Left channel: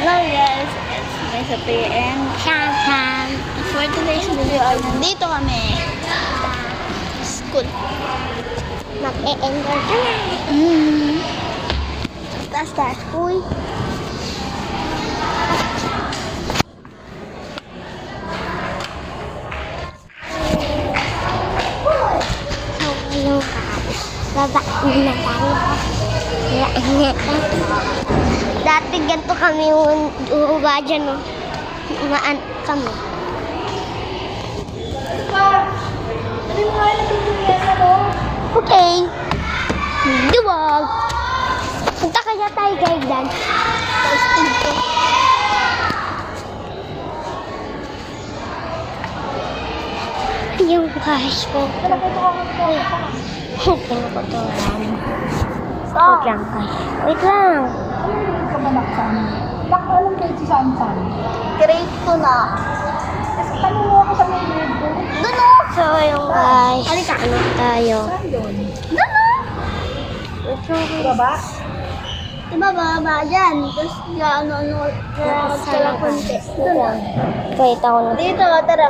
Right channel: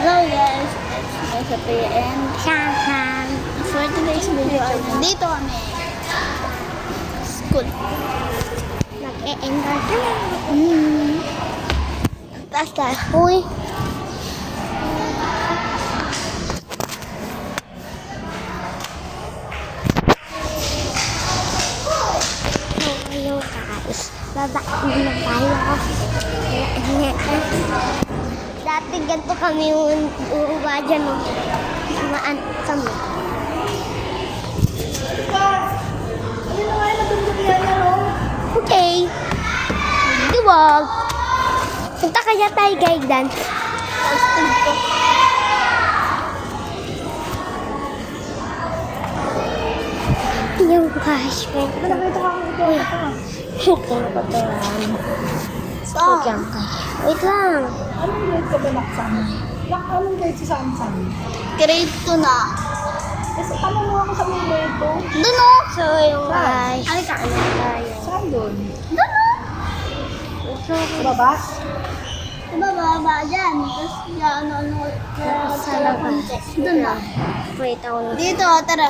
Hello guys, it's my Sophie and Shaham. For today's video ay nandito kami school. Mag-e-enroll ko na. Taas. Uy. Hello guys. Babain na tayo. Dati ganito kami uwa dyan, no? Naan kami. Okay. Duwag. Punta kaya tayo gaydan. Posting ko. Yung cash mo. Tingnan ko to lang. Wait lang kayo. Wait lang. Ka ba naksan? Alam ko ito saan saan. Grade 2 na. Kasi tanong mo ako sa mga grade ko. Doon o. So, yung guys. Halika. Ano tayo? Saan yun? Doon o. Wait lang. Sa baba? Diba baba dyan? Tapos ano, kaya konti. Doon na. Wait ako na. Dito, tara.